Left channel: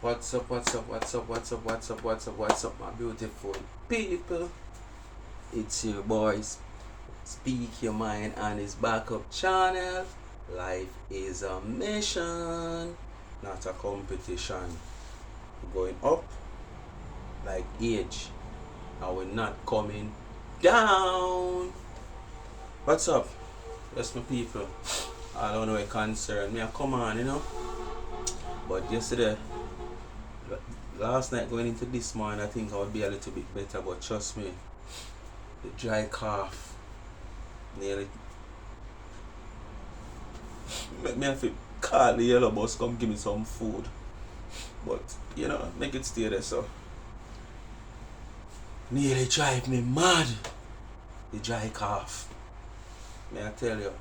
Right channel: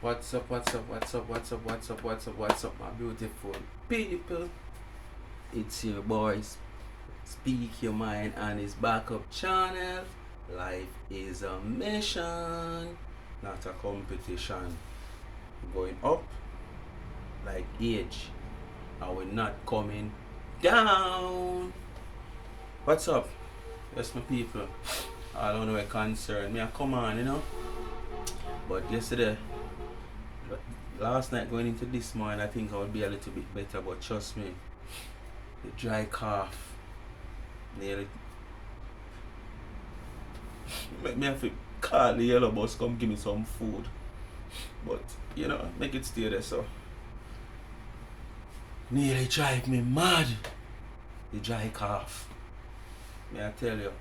What's up, what's up, what's up, what's up, what's up, what's up, what's up, my beautiful people? It's your boys, Speak Your Mind on his backup channel. Life is a mission, not a competition. We're going up like age, and we're not coming down. What's up? Yes, my people. I don't know what concern me. I come on, But yesterday, last night going into this morning, I think I would be a little bit better, but trust me, the dry cough nearly make me have to call the yellow bus come give me some food. But make it stay there, so nearly drive me mad. The dry cough. May I tell you.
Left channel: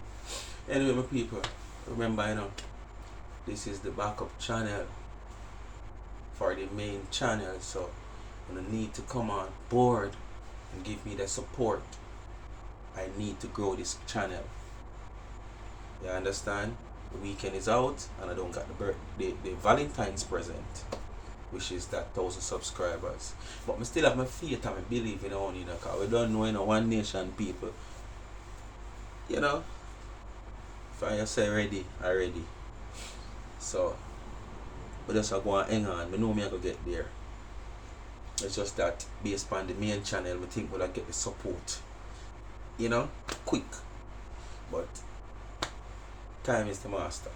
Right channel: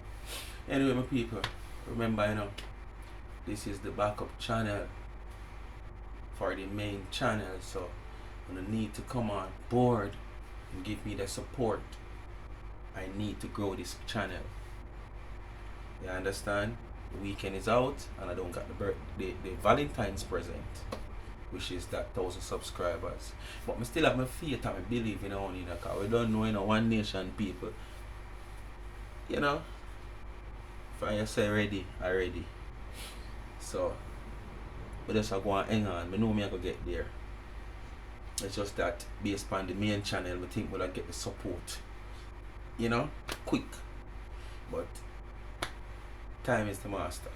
Anyway, my people, remember, this is the backup channel for the main channel, so when I need to come on board and give me the support, I need to grow this channel. You understand? The weekend is out and I don't got the Valentine's present, which is that 1,000 subscribers. But I still have my faith and I believe in only, because we don't know, one nation people. If I say ready, I ready. So but just go and hang on. I know me I go get there. It's just that based on the main channel, I think we'll get the support. Quick. But time is the master.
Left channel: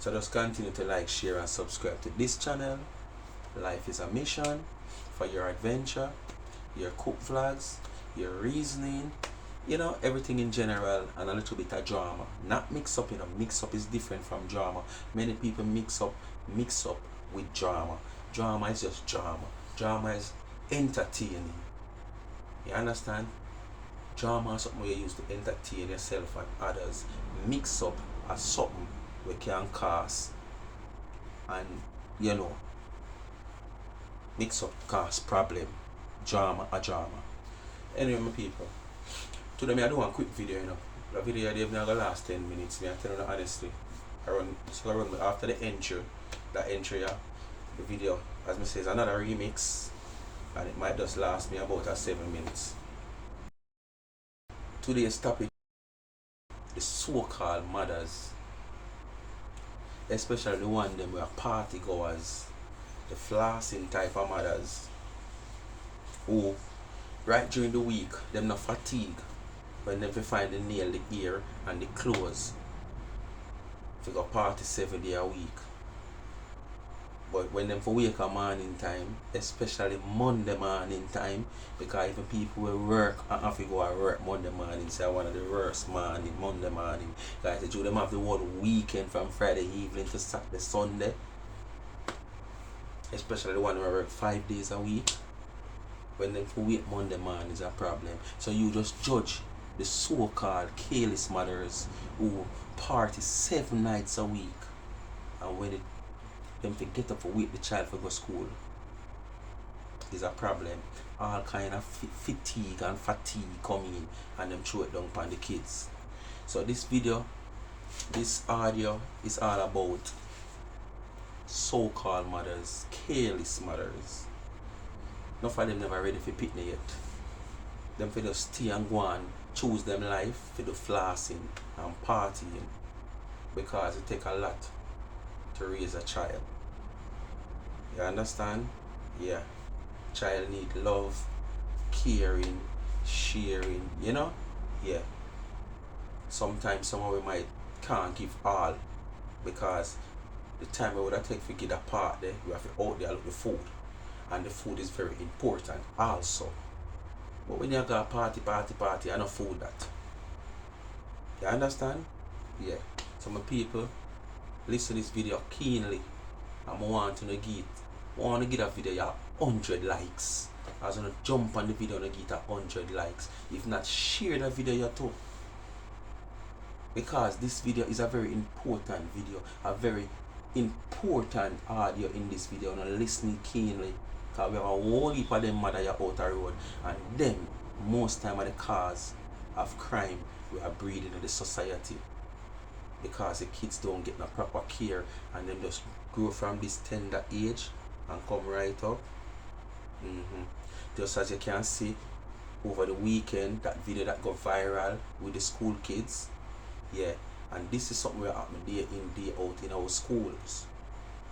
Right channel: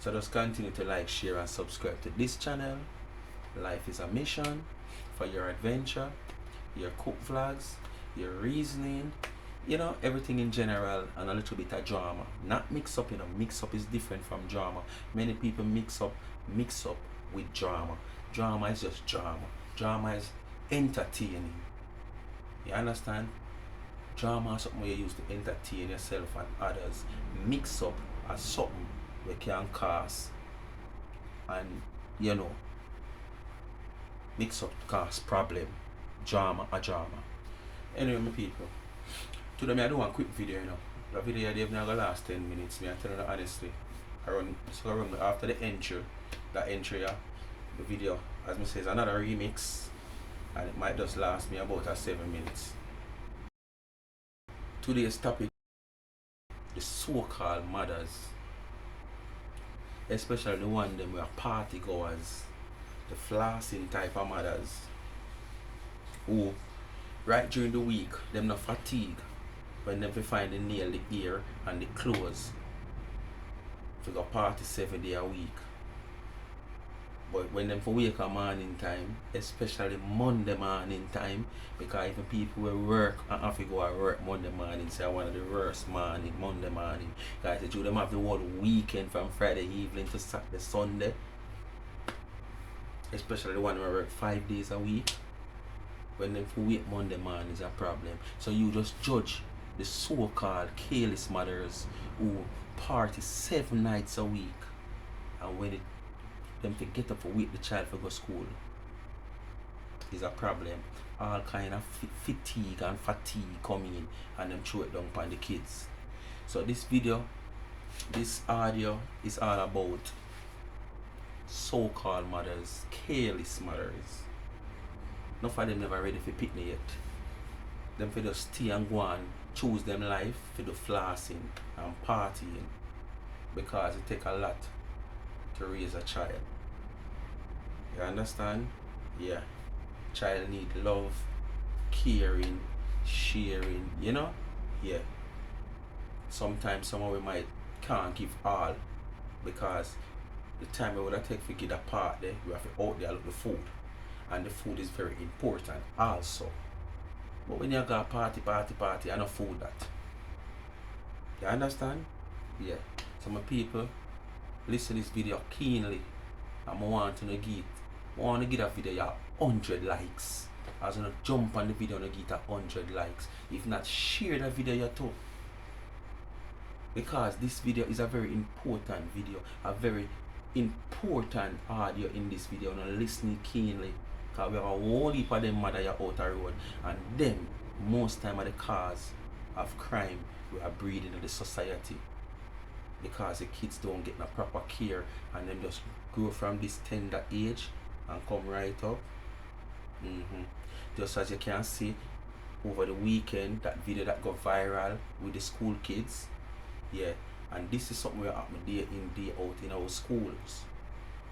So just continue to like, share and subscribe to this channel. Life is a mission for your adventure, your cook vlogs, your reasoning, everything in general, and a little bit of drama. Not mix up, mix up is different from drama. Many people mix up with drama. Drama is just drama. Drama is entertaining. You understand? Drama is something you use to entertain yourself and others. Mix up as something we can cause and mix up cause problem. Drama. Anyway, my people, today I do one quick video, The video they've not gonna last 10 minutes, I tell you honestly. I run after the intro, the video, as I say, is another remix, and it might just last me about 7 minutes. Today's topic, the so-called mothers, especially the one them who are party goers, the flossing type of mothers, who right during the week them not fatigue when them find the nail, the ear and the clothes to go party 7 days a week. But when them for wake up morning time, especially Monday morning time, because even people will work and have to go to work Monday morning, so one of the worst morning, Monday morning. Guys, they them have the whole weekend from Friday evening to Saturday, Sunday. Especially the one who work 5 days a week. When them for wake Monday morning is a problem. So you just judge the so-called careless mothers who party 7 nights a week, and when them forget up for wake the child for go school is a problem. All kind of fatigue coming in, and them throw it down upon the kids. So this video, this audio is all about so-called mothers, careless mothers. None of them never ready for picnic yet. Them for just stay and go on, choose them life for the flossing and partying, because it take a lot to raise a child. You understand? Yeah. Child need love, caring, sharing, Yeah. Sometimes someone we might can't give all, because the time we would have take to get a part there, we have to out there look the food. And the food is very important also. But when you got party, and no food that. You understand? Yeah. So my people, listen to this video keenly. And I want to give that video 100 likes. I was gonna jump on the video and get 100 likes. If not, share the video too. Because this video is a very important video, a very important audio in this video, and listening keenly. Because we have a whole heap of them mother out the road, and them most time are the cause of crime we are breeding in the society, because the kids don't get no proper care and them just grow from this tender age and come right up. Just as you can see over the weekend, that video that got viral with the school kids. Yeah, and this is something we're happening day in, day out in our schools.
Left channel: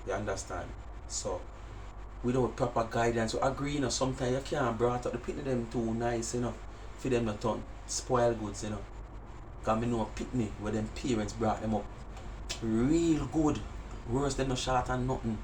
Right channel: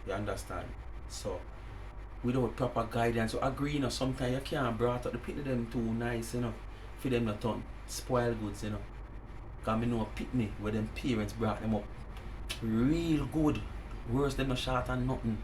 You understand? So without proper guidance, we agree, you know, sometimes you can't brought up the pitney them too nice, you know, for them not turn spoil goods, you know. Cause me know a pitney where them parents brought them up real good. Worse them no short and nothing.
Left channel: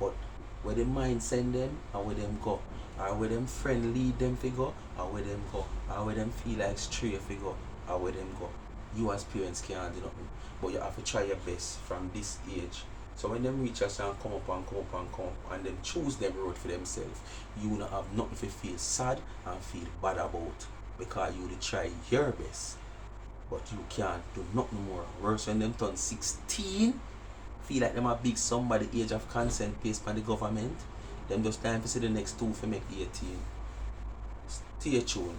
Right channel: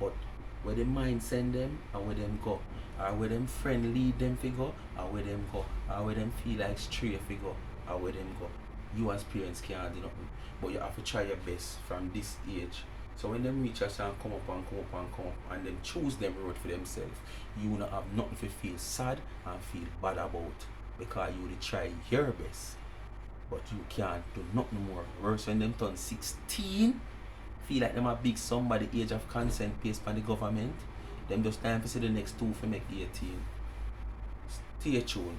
But where the mind send them and where them go, or where them friend lead them figure, or where them go, or where them feel like stray figure, or where them go. You as parents can't do nothing. But you have to try your best from this age. So when them reach us and come up and come up and come up and them choose them road for themselves, you not have nothing to feel sad and feel bad about, because you will try your best. But you can't do nothing more. Worse when them turn 16, feel like them a big somebody age of consent based by the government. Them just time to see the next two for make 18. Stay tuned.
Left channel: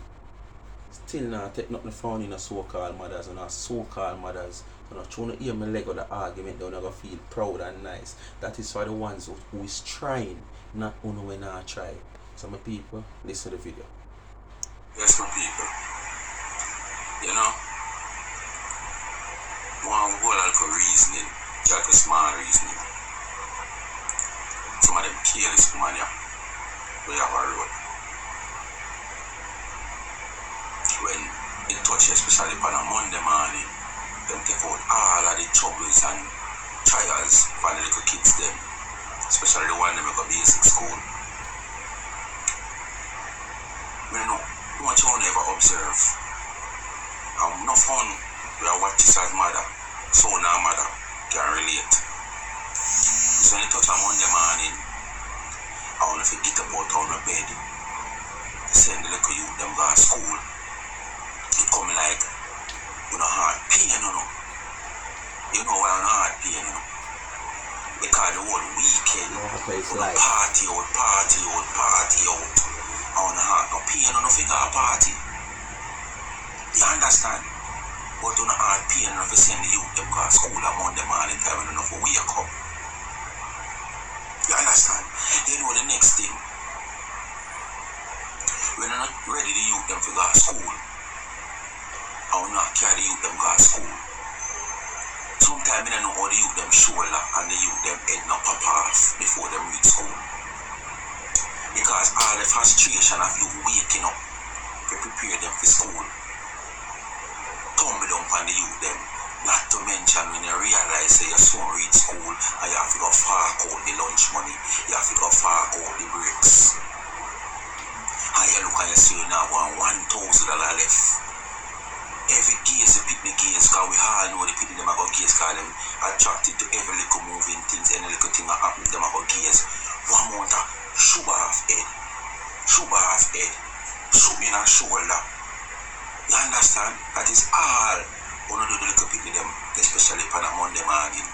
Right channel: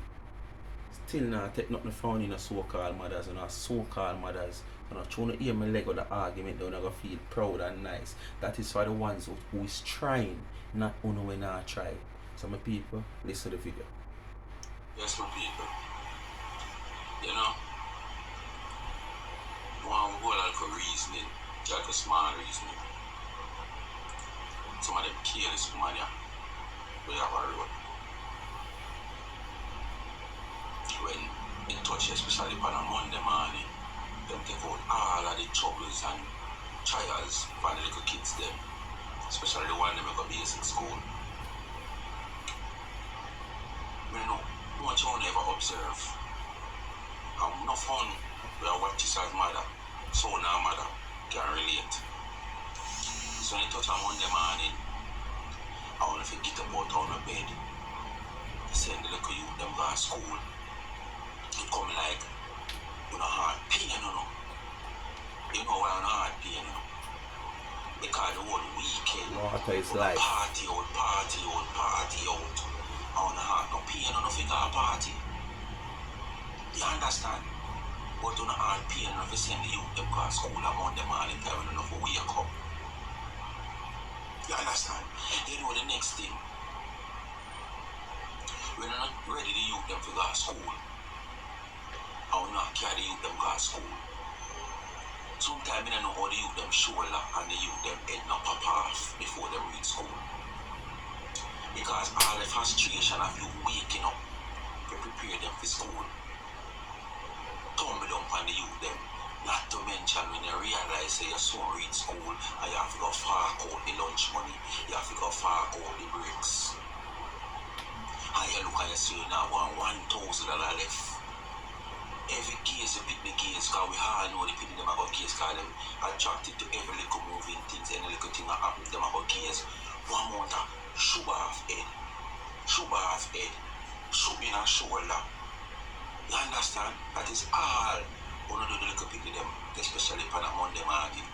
Still not take nothing found in a so-called mothers and our so-called mothers. So not trying to hear me leg of the argument, they're not gonna feel proud and nice. That is for the ones who is trying, not only when I try. So my people, listen to the video. Yes, my people. You know, one whole lot of reasoning, just a small reasoning. Some of them careless woman, yeah, we have a road. When it touches, especially on a Monday morning, them take out all of the troubles and trials for the little kids them, especially the one that make a basic school. I know much you never observe. No fun we are watching this as mother, so now mother can relate. So when you touch on Monday morning, I want to get up out on the bed, send the little youth them go to school. It come like, you know, hard pain, you know. You know why I'm hard pain, you know. Because the whole weekend, party out. I want to have no pain, no figure a party. You understand? But you know hard pain enough to send the youth them go to school on Monday morning time when enough to wake up. You understand? You know the next thing. When you're not ready the youth them to go to school, I will not carry the youth them go to school. Sometimes I don't know how the youth them shoulder and the youth them head not pop off before they reach school. Because all the frustration of you waking up to prepare them for school tumble down on the youth them. Not to mention when you realize that your son reach school and you have to go fork out the lunch money, you have to go fork out the breaks. And you look and you see you now want $1,000 left. Every gaze, the picnic gaze, because we all know the people them are going to gaze, because them attracted to every little moving things, any little thing that happens, them are going to gaze. One month, sugar off head, soup in a shoulder. You understand? That is all one of the little people them, especially on a Monday morning.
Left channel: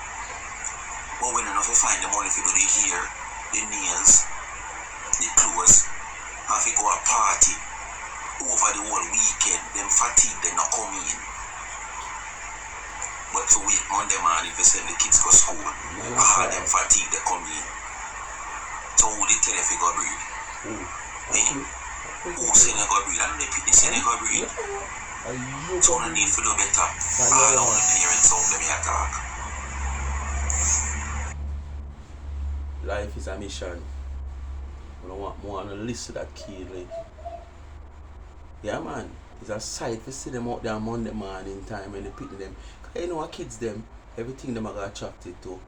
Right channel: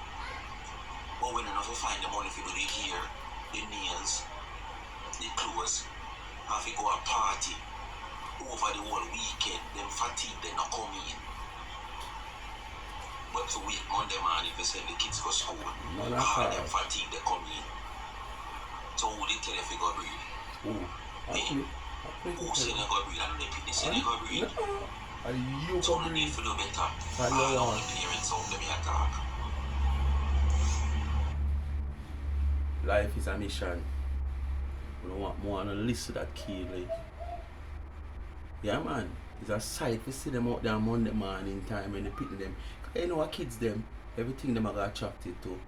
But when enough you find the money to do the hair, the nails, the clothes, and if you go a party over the whole weekend, them fatigue they not come in. But to wait Monday morning if you send the kids to school, all them fatigue they come in. So who they tell if you go breathe? Who say they go breathe? And they say they go breathe. So no need to do better. All the parents out let me attack. Life is a mission. We don't want more on the list of that key, like. Yeah, man. It's a sight to see them out there Monday morning time when they pick them. Because you know what kids them, everything them are attracted to.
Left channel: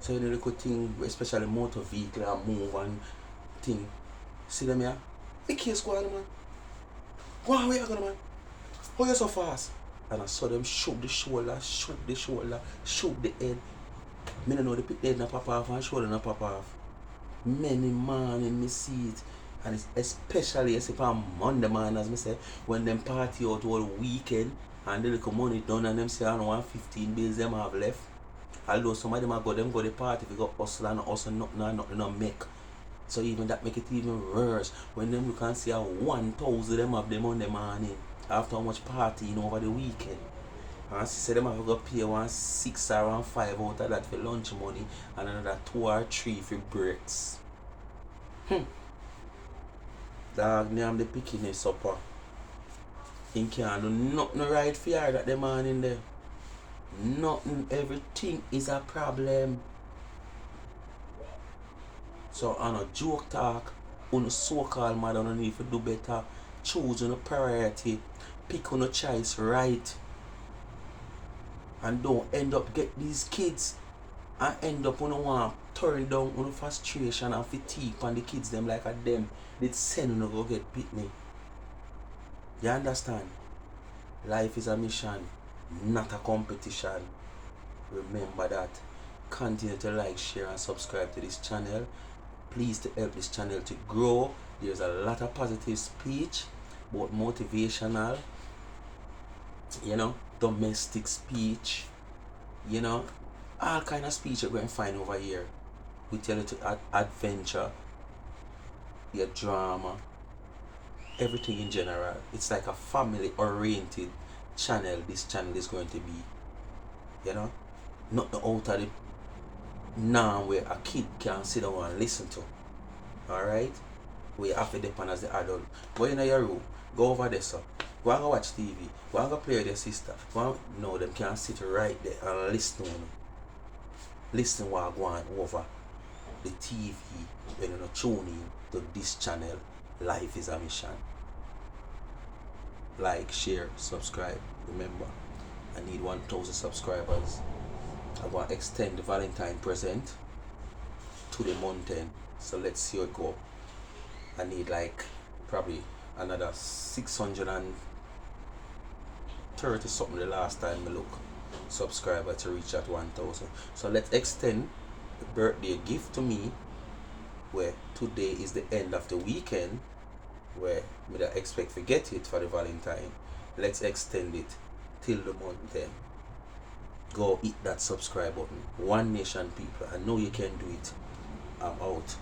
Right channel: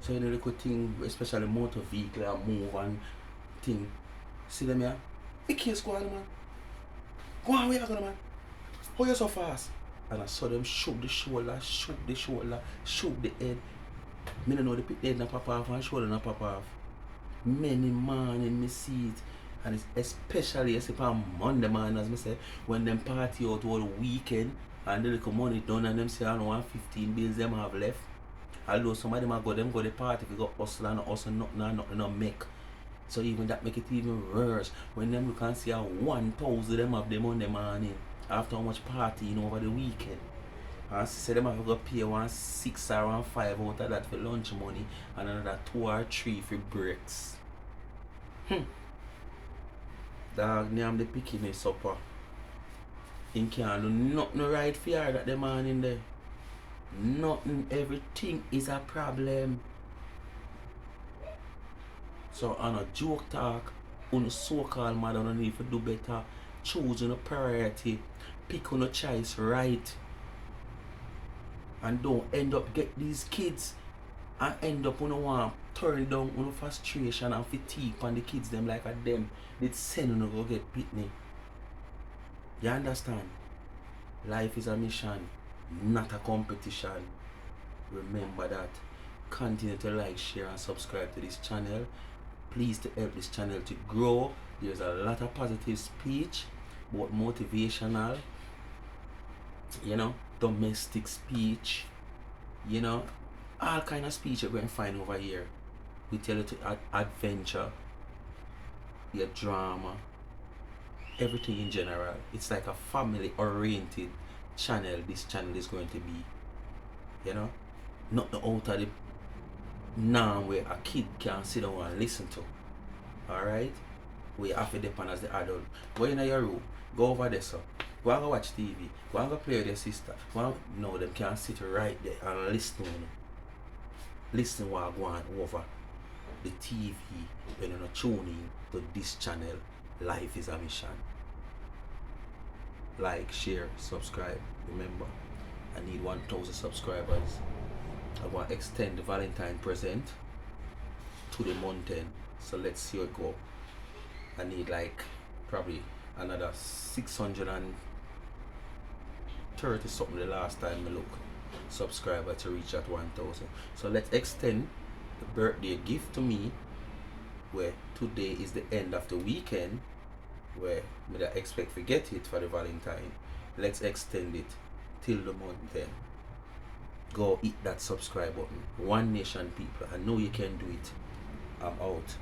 So you know the good thing, especially motor vehicle and move and thing. See them here? Big case go on, man. Go on, where you going, man? How you so fast? And I saw them shoot the shoulder, shoot the head. Me don't know they pick the head and pop off and shoulder and pop off. Many morning me see it. And it's especially as if on Monday morning, as I say, when them party out all weekend and the little money done and them say I don't want 15 bills them have left. Although some of them go the party if you go hustle and hustle nothing not make. So even that make it even worse. When them you can see a 1,000 them have them on the morning after how much partying over the weekend. And she said them have to go pay 1 6 or 1 5 out of that for lunch money and another 2 or 3 for breaks. Dog, name the picking supper. He can't do nothing right for her that the morning there. Nothing, everything is a problem. So on a joke talk, on a so-called mother don't need to do better. Choose on a priority. Pick on a choice right. And don't end up get these kids and end up on a one turn down on frustration and fatigue on the kids them like a them. They send on go get pitney. You understand? Life is a mission, not a competition. Remember that. Continue to like, share and subscribe to this channel. Please to help this channel to grow. There's a lot of positive speech, both motivational, domestic speech, all kind of speech you're going to find over here. We tell you to adventure, your drama, everything in general. It's like a family oriented channel. This channel is going to be, not the out of the norm where a kid can sit down and listen to. Alright? We have to depend as the adult. Go in your room, go over there, sir. Go and go watch TV. Go and go play with your sister. No, them can sit right there and listen. Listen while going over the TV when you're not tuning to this channel. Life is a mission. Like, share, subscribe. Remember, I need 1,000 subscribers. I want to extend the Valentine present to the mountain. So let's see how it go. I need like probably another 630 something the last time I look subscriber to reach at 1,000. So let's extend the birthday gift to me, where today is the end of the weekend, where we don't expect to get it for the Valentine. Let's extend it till the month then. Go hit that subscribe button. One Nation people, I know you can do it. I'm out.